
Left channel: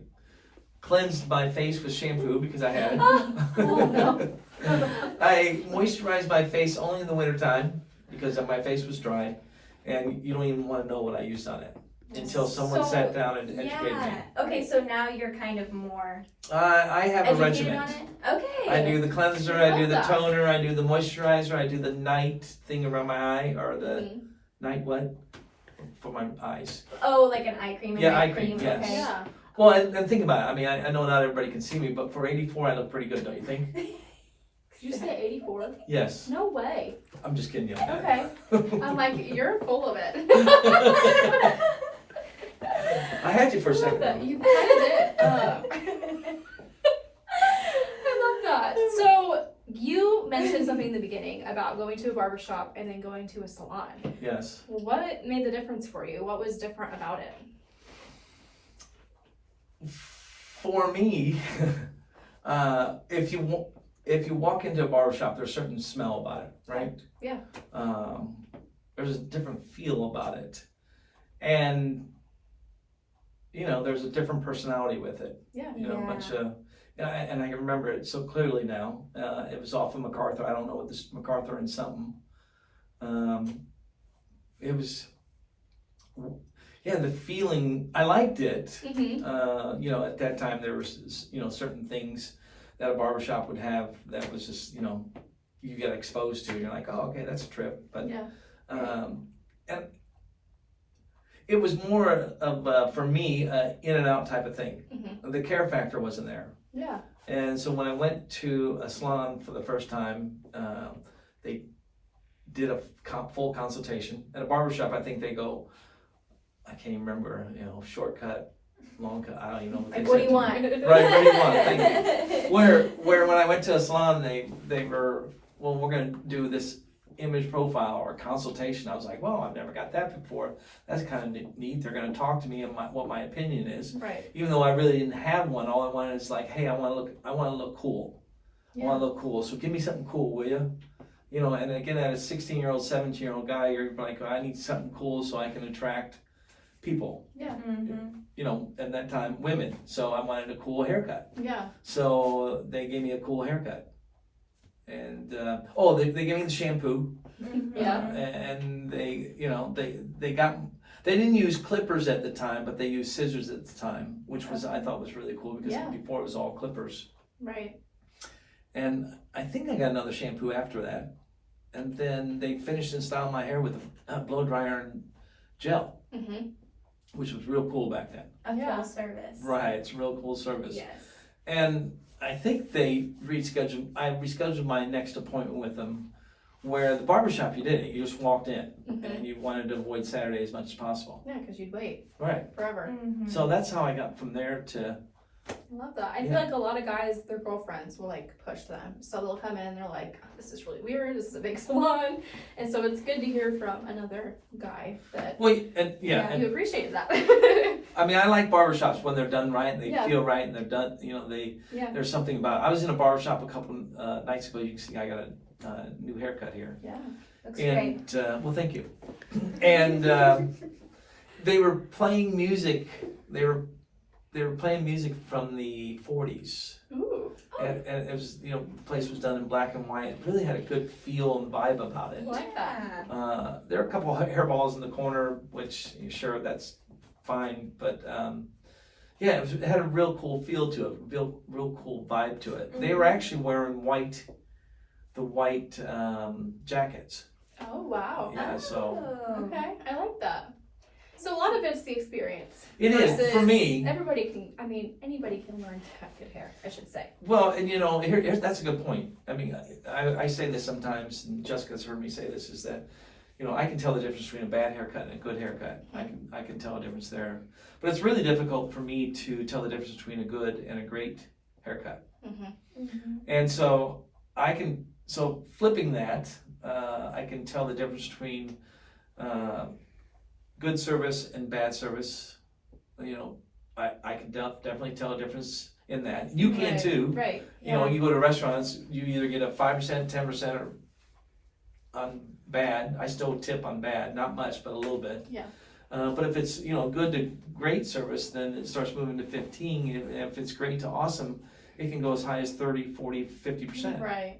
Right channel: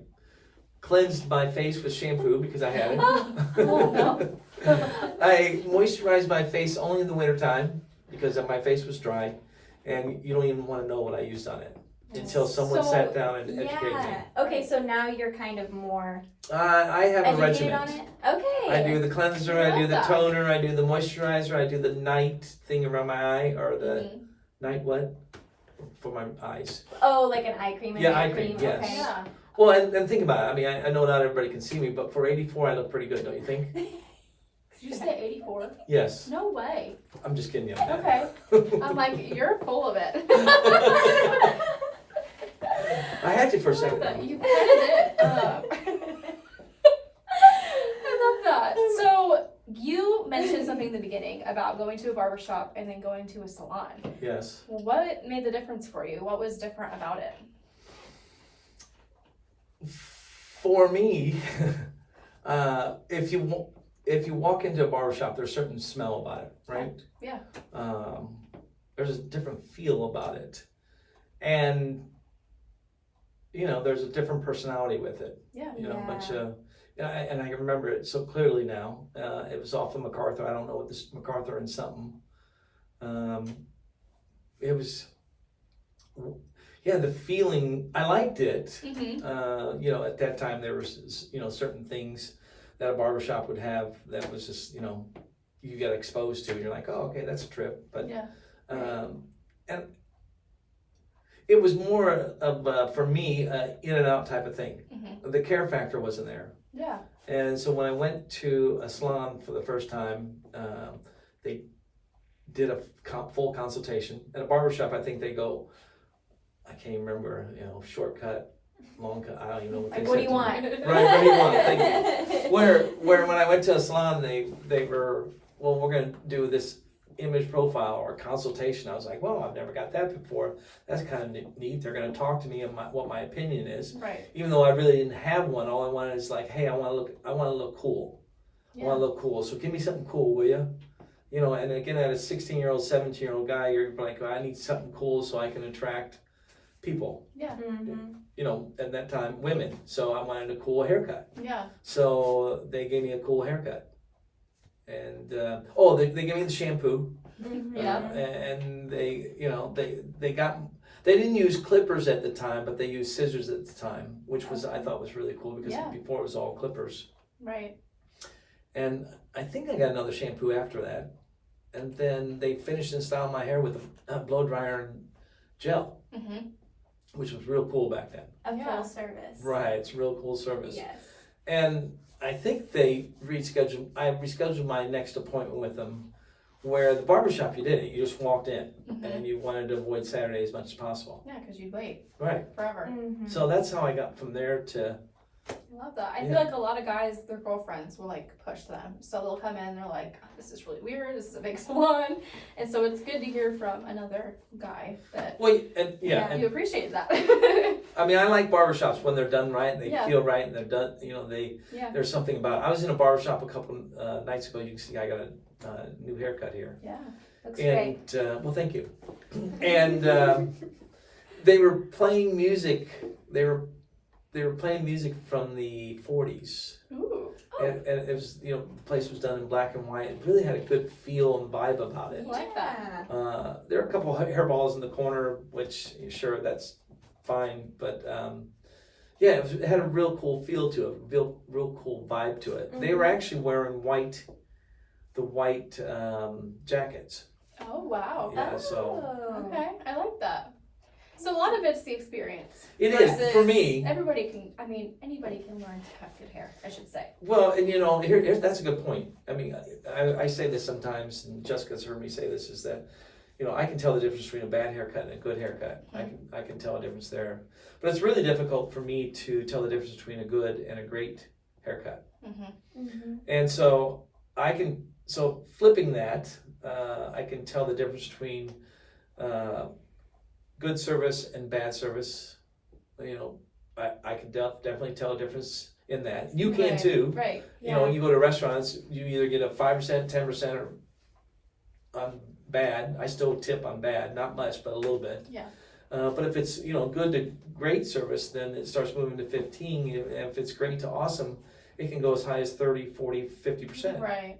cleansed my face with shampoo because I had it. Oh, no. I moisturized my face only in the wintertime because my face was dry, and you don't even want to know what I used on it until someone sat down and educated me. Okay, so now you're kind of more I have a regimen. on it? Okay. I do the cleanser, I do the toner, I do the moisturizer, I do the night thing around my eye, or the night what? For my eyes. Oh, like an eye cream? Yeah, eye cream, yes. Okay. Yeah. Well, and think about it. I mean, I know not everybody can see me, but for 84, I look pretty good, don't you think? Did you say 84? Yes. No way. I'm just kidding you. Okay. I'm like, you're full of it. I had you for a second. You kind of did. I love that. So you mentioned something in the beginning about going to a barbershop and then going to a salon. Yes. Well, what made the difference for you? What was different about it? For me, if you walk into a barbershop, there's a certain smell about it, right? Yeah. There's a different feel about it. And there's a different personality with it. Yeah. A bunch of, and I can remember it so clearly now. It was off of MacArthur. I don't know what this MacArthur and something. It was, the feeling. I liked it. Mm-hmm. At that time there was, certain things that a barbershop would have that was just, you got exposed to. You're like, oh, okay, that's a trip. But Yeah. and it was more of for me, in and out type of thing. Mm-hmm. The care factor wasn't there. Yeah. And so when I went to a salon for the first time, they did a full consultation. At a barbershop, I think they go, I can't even remember, shortcut, long cut, I don't even know what they Like, said. what do you to want? me. Right, what do you want? Thank you. Where when I went to a salon, they were, well, we're going to do this image profile or consultation. I was like, well, I've never got that before. That's kind of neat. They're going to talk to me on what my opinion is. Right. Even though I really didn't have one, all I wanted is like, hey, I want to look cool. Yeah. I want to look cool. So give me something cool, will you? And again, at a 16-year-old, 17-year-old guy, you're like, I need something cool so I can attract people. Yeah. Mm-hmm. At that time, women. So I wanted a cool haircut. Yeah. So they gave me a cool haircut. And, they gave me the shampoo. Mm-hmm. Yeah. And they didn't use clippers at the time, but they used scissors at the time, which was, I thought was really cool because before it was all clippers. Right. And I think I got another shampoo after that. And then they finished installing my hair with a blow dryer and gel, Mm-hmm. which was real cool back then. A Yeah. full service. Right, it's a real cool service. Yes. And I think I rescheduled my next appointment with them, where the barbershop you did it, you just walked in Mm-hmm. and you wanted to avoid Saturday as much as possible. Yeah, because you'd wait Right. forever. Mm-hmm. So that's how I got from there to, I love that. I Yeah. feel like a lot of guys, their girlfriends will like push them. So they'll come in, they're like, oh, this is really weird, this is a big salon. And so it's good to hear from another guy that you appreciate that. I mean, I like barbershops when they're done right and they Yeah. feel right and they're done, Yeah. there's something about it. I was in a barbershop a couple nights ago. You can see I got a new haircut here. Yeah. Looks great. And, well, thank you. And they were playing music. They were playing music from the 40s. Ooh. And it was, the place was done in black and white. It really had a good feel and vibe about it. I like that. There are a couple of hairballs in the corner, which, sure, that's fine. But, it had a real cool feel to it, real cool vibe to it. They were actually wearing the white jackets. Oh, wow. Yeah, so Okay, I like that. So a lot of it's the experience. it is for versus me. Anybody can learn to cut good hair, I should say. Well, and here's that's a good point. I mean, I say this sometimes, and Jessica's heard me say this, is that, I can tell the difference between a bad haircut and a good haircut. I can tell a difference there. But it's really difficult for me to tell the difference between a good and a great haircut. Mm-hmm. Mm-hmm. And so flipping that, I can tell the difference between good service and bad service. I can definitely tell a difference in that. You can too. Right. You go to restaurants, you either get a 5%, 10% or on bad. I still tip on bad, not much, but a little bit. Yeah. But if it's, good to great service, then it starts moving to 15. If it's great to awesome, it can go as high as 30, 40, 50%. Right.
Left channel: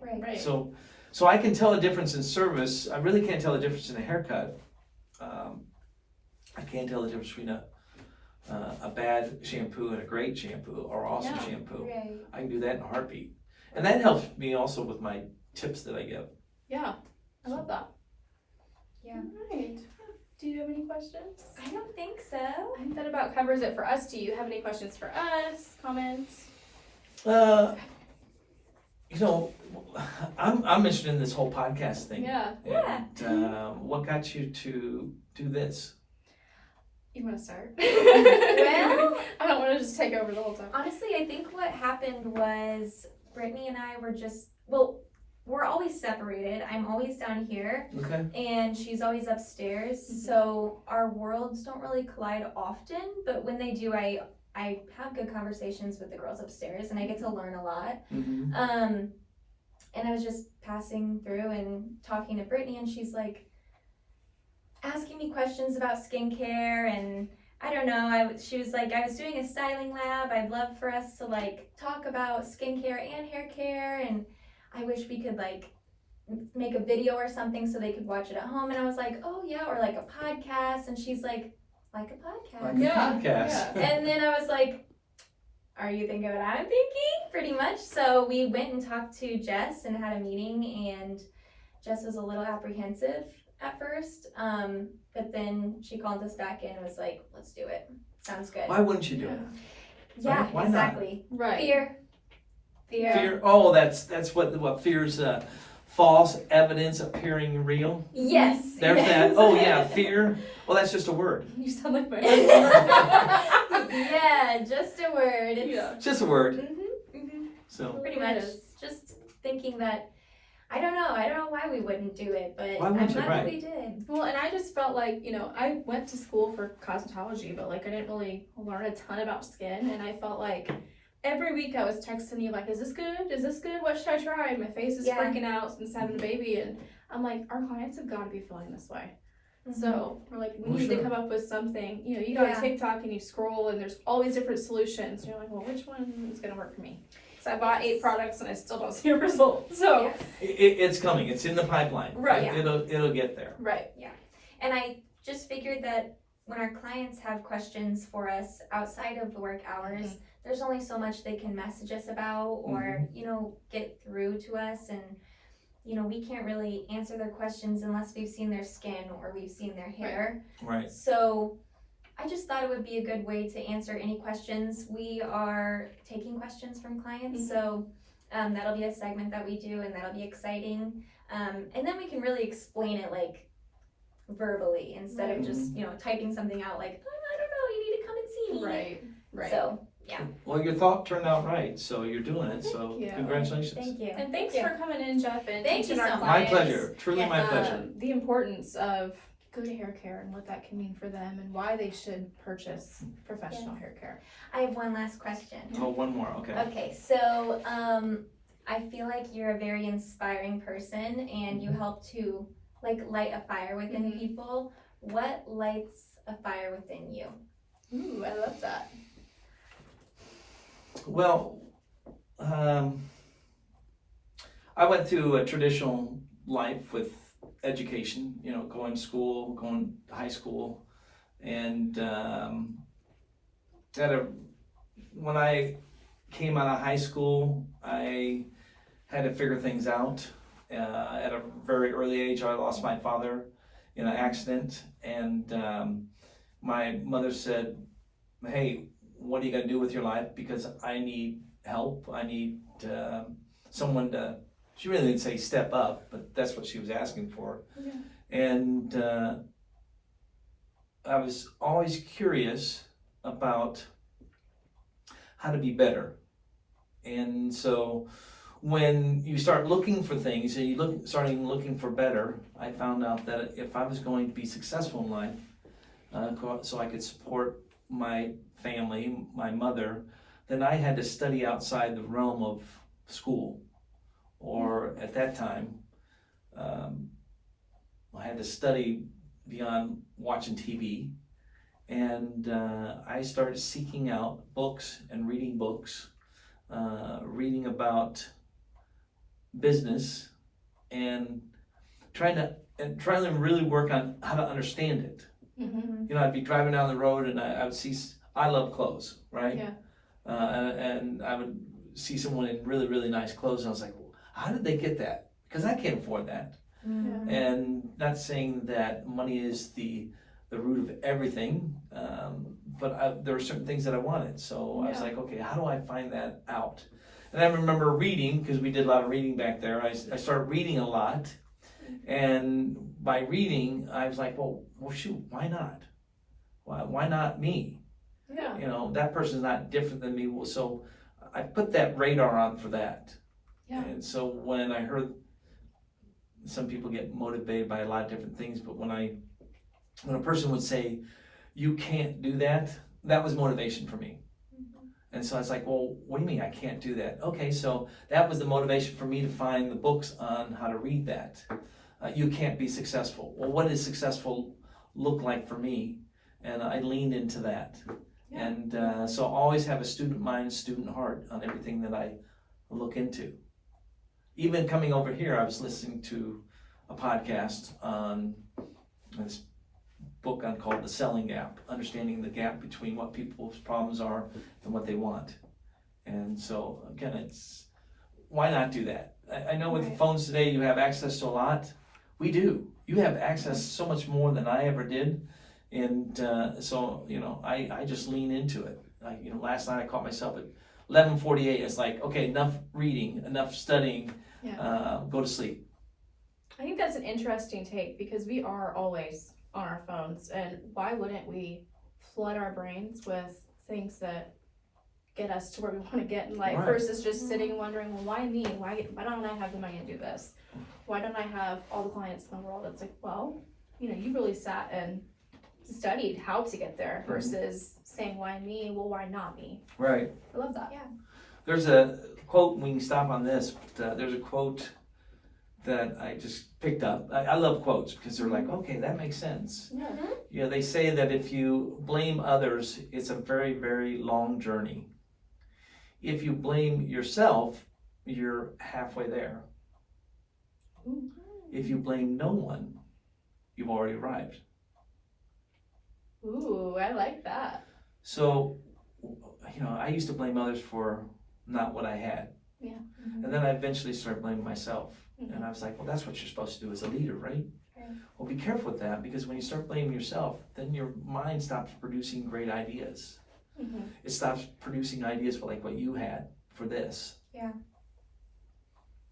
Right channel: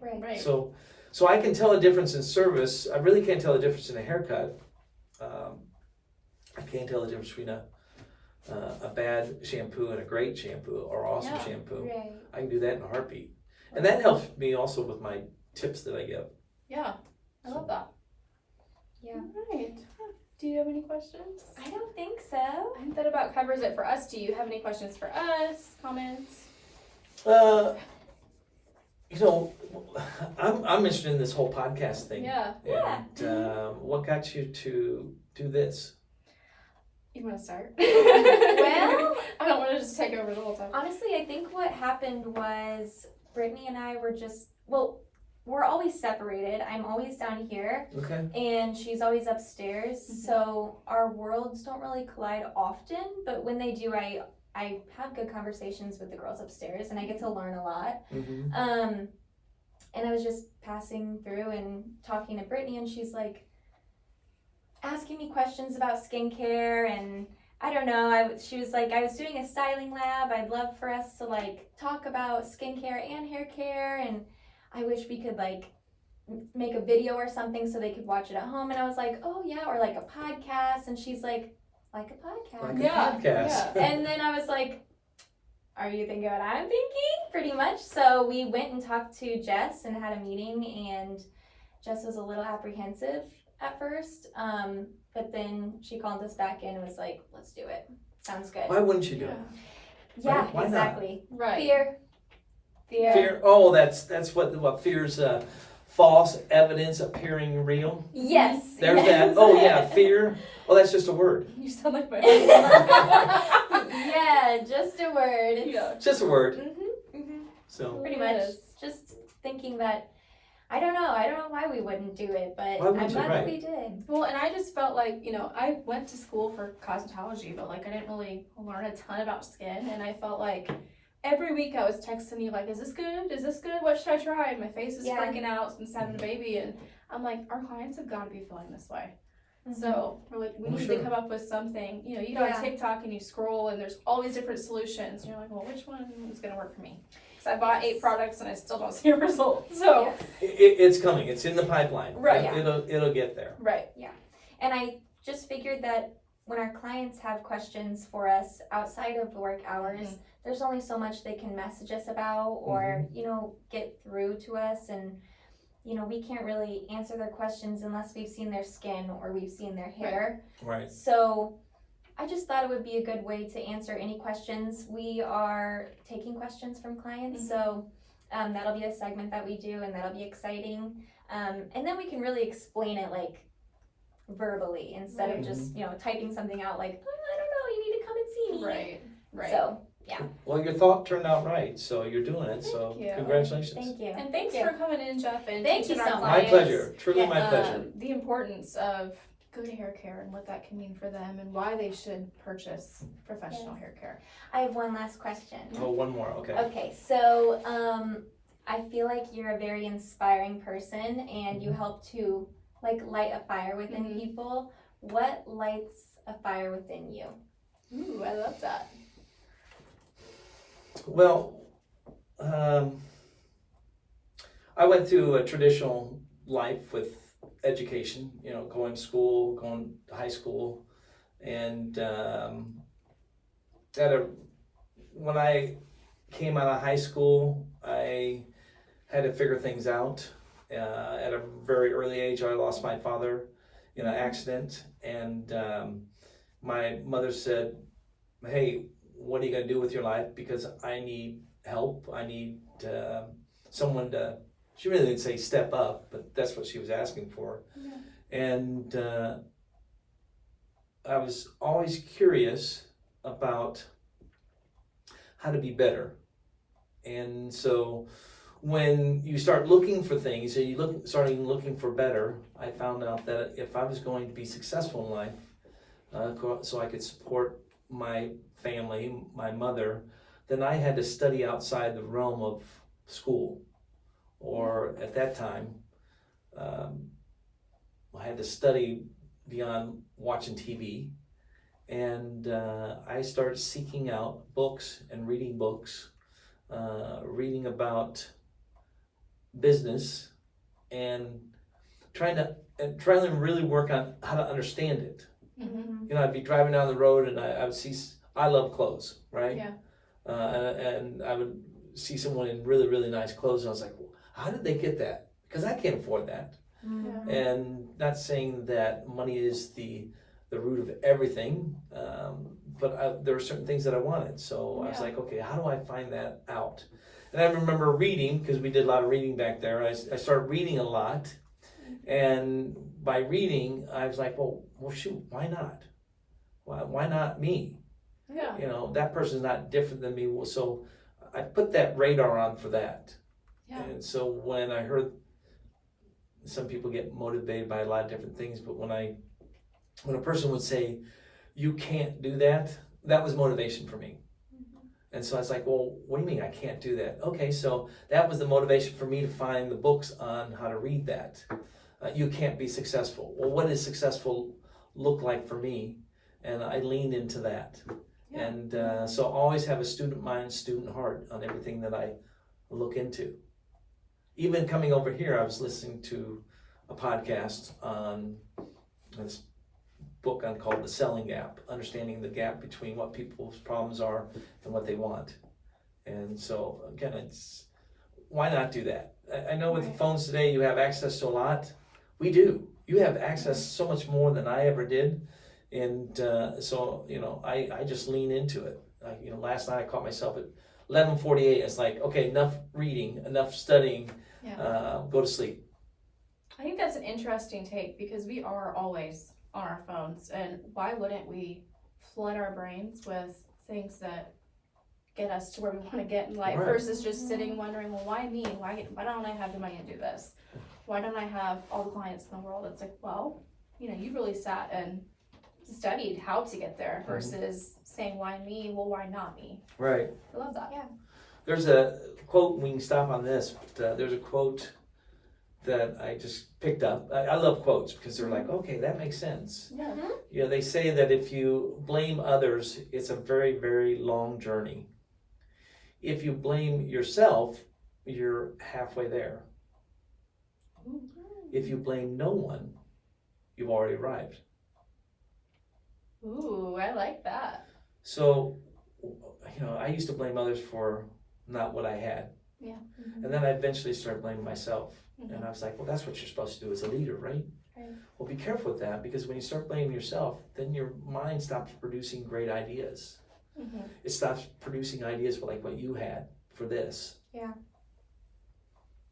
So I can tell a difference in service. I really can't tell the difference in a haircut. I can't tell the difference between a bad shampoo and a great shampoo or awesome shampoo. Right. I can do that in a heartbeat. And that helps me also with my tips that I give. Yeah. I love that. Yeah. All right. Do you have any questions? I don't think so. I think that about covers it for us. Do you have any questions for us? Comments? I'm interested in this whole podcast thing. Yeah. And what got you to do this? You want to start? Well, I don't want to just take over the whole time. honestly, I think what happened was Brittany and I were we're always separated. I'm always down here, Okay. and she's always upstairs. So our worlds don't really collide often, but when they do, I have good conversations with the girls upstairs, and I get to learn a lot. Mm-hmm. And I was just passing through and talking to Brittany, and she's like asking me questions about skincare, and I don't know, she was like, I was doing a styling lab, I'd love for us to like talk about skincare and hair care, and I wish we could like make a video or something so they could watch it at home. And I was like, oh yeah, or like a podcast. And she's like a podcast. Like a podcast. And then I was like, are you thinking what I'm thinking? Pretty much. So we went and talked to Jess and had a meeting, and Jess was a little apprehensive at first. But then she called us back in and was like, let's do it. Sounds good. Why wouldn't you do it? Yeah, Why not? exactly. Right. Fear. Fear. Oh, that's what fear's false evidence appearing real. Yes. There's yes. that. Oh yeah, fear. Oh, that's just a word. You sound like my Yeah, just a word. It's, Yeah. Just a word. mhm. So Pretty much. Just thinking that, I don't know why we wouldn't do it, but Why I'm wouldn't you? glad that Right. we did. Well, and I just felt like, I went to school for cosmetology, but like I didn't really learn a ton about skin, and I felt like every week I was texting you like, is this good? Is this good? What should I try? And my face is Yeah. freaking out since having a baby, and I'm like, our clients have got to be feeling this way. So we're like, we Well, need sure. to come up with something. You go on Yeah. TikTok and you scroll, and there's all these different solutions. And you're like, well, which one is going to work for me? Because I bought 8 products and I still don't see a result. So, it's coming. It's in the pipeline. Right. It'll get there. right. And I just figured that when our clients have questions for us outside of work hours, Mhm. there's only so much they can message us about or, get through to us. And, we can't really answer their questions unless we've seen their skin or we've seen their hair. Right. So I just thought it would be a good way to answer any questions. We are taking questions from clients, so that'll be a segment that we do, and that'll be exciting. And then we can really explain it like verbally instead of just typing something out like, I don't know, you need to come and see me. Right. So Well, your thought turned out right, so you're doing it. So Thank you. congratulations. thank you. And thanks Thank for coming in, Jeff, and Thank teaching you our so much. My clients, pleasure. Truly Yes. my pleasure. the importance of good hair care and what that can mean for them and why they should purchase professional hair care. I have one last question. Oh, one more. Okay. Okay, so I feel like you're a very inspiring person, and you help to light a fire within Mhm. people. What lights a fire within you? Ooh, I love that. Well, I went through a traditional life with education, going to school, going to high school, and when I came out of high school, I had to figure things out. At a very early age, I lost my father in an accident, and my mother said, hey, what are you going to do with your life? Because I need help. I need someone to, she really didn't say step up, but that's what she was asking for. Yeah. And I was always curious about how to be better. And so when you start looking for things and starting looking for better, I found out that if I was going to be successful in life, so I could support my family, my mother, then I had to study outside the realm of school. Or at that time, I had to study beyond watching TV. And I started seeking out books and reading books, reading about business, and trying to really work on how to understand it. Mm-hmm. I'd be driving down the road and I would see, I love clothes, right? Yeah. And I would see someone in really, really nice clothes, and I was like, well, how did they get that? Because I can't afford that. Mm-hmm. And not saying that money is the root of everything, but there were certain things that I wanted. So I was like, okay, how do I find that out? And I remember reading, because we did a lot of reading back there. I started reading a lot, and by reading, I was like, well shoot, why not? Why not me? Yeah. That person's not different than me. Well, so I put that radar on for that. Yeah. And so when I heard some people get motivated by a lot of different things, but when a person would say, you can't do that, that was motivation for me. And so I was like, well, what do you mean I can't do that? Okay, so that was the motivation for me to find the books on how to read that. You can't be successful. Well, what does successful look like for me? and I leaned into that. Yeah. And so always have a student mind, student heart on everything that I look into. Even coming over here, I was listening to a podcast on this book called The Selling Gap, understanding the gap between what people's problems are and what they want. And so again, it's, why not do that? I know with the phones today, you have access to a lot. We do. You have access so much more than I ever did. And so, you know, I just lean into it. Like, you know, last night I caught myself at 11:48. It's like, okay, enough reading, enough studying, go to sleep. I think that's an interesting take because we are always on our phones, and why wouldn't we flood our brains with things that get us to where we want to get in life versus just sitting wondering, well, why me? Why don't I have the money to do this? Why don't I have all the clients in the world? It's like, well, you know, you really sat and studied how to get there versus saying, why me? Well, why not me? Right. I love that. Yeah. There's a quote, we can stop on this, but there's a quote that I just picked up. I love quotes because they're like, okay, that makes sense. Yeah. You know, they say that if you blame others, it's a very, very long journey. If you blame yourself, you're halfway there. If you blame no one, you've already arrived. Ooh, I like that. So, you know, I used to blame others for not what I had. Yeah. And then I eventually started blaming myself. And I was like, well, that's what you're supposed to do as a leader, right? Well, be careful with that, because when you start blaming yourself, then your mind stops producing great ideas. It stops producing ideas for like what you had for this. Yeah.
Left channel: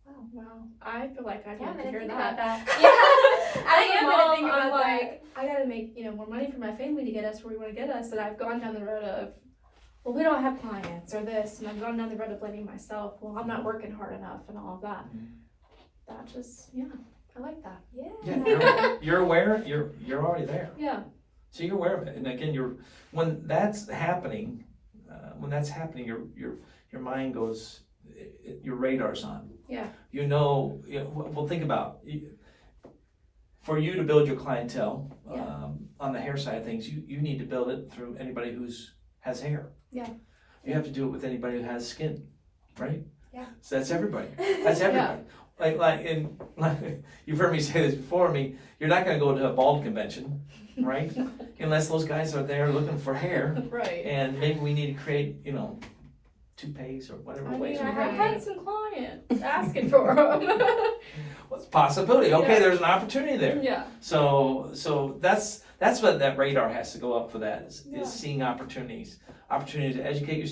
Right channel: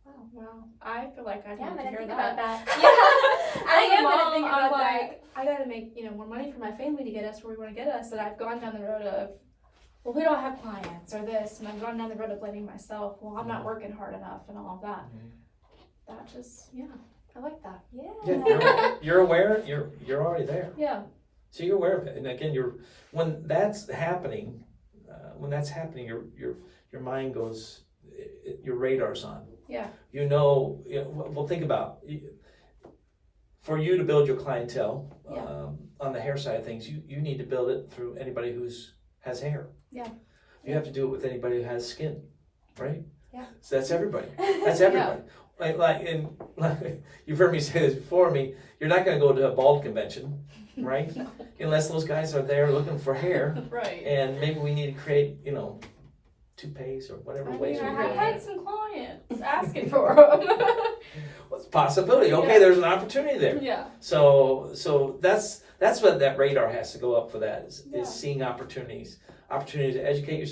Oh, wow. I feel like I Yeah, need I'm to gonna hear think that. about that. As I a am gonna mom, think I'm about like, I gotta make, you know, more money for my family to get us where we want to get us. And I've gone down the road of, well, we don't have clients or this, and I've gone down the road of blaming myself. Well, I'm not working hard enough and all of that. That just, I like that. Yeah, you're aware. You're already there. Yeah. So you're aware of it. And again, when that's happening, your mind goes, your radar's on. Yeah. You know, well, think about for you to build your clientele on the hair side of things. You need to build it through anybody has hair. Yeah. You have to do it with anybody who has skin, right? Yeah. So that's everybody. That's everybody. Like you've heard me say this before. You're not going to go to a bald convention, right? Unless those guys are there looking for hair. Right. And maybe we need to create, toupees or whatever ways. I've had some clients asking for them. Well, it's a possibility. Okay, there's an opportunity there. Yeah. So that's what that radar has to go up for. That is seeing opportunities to educate yourself.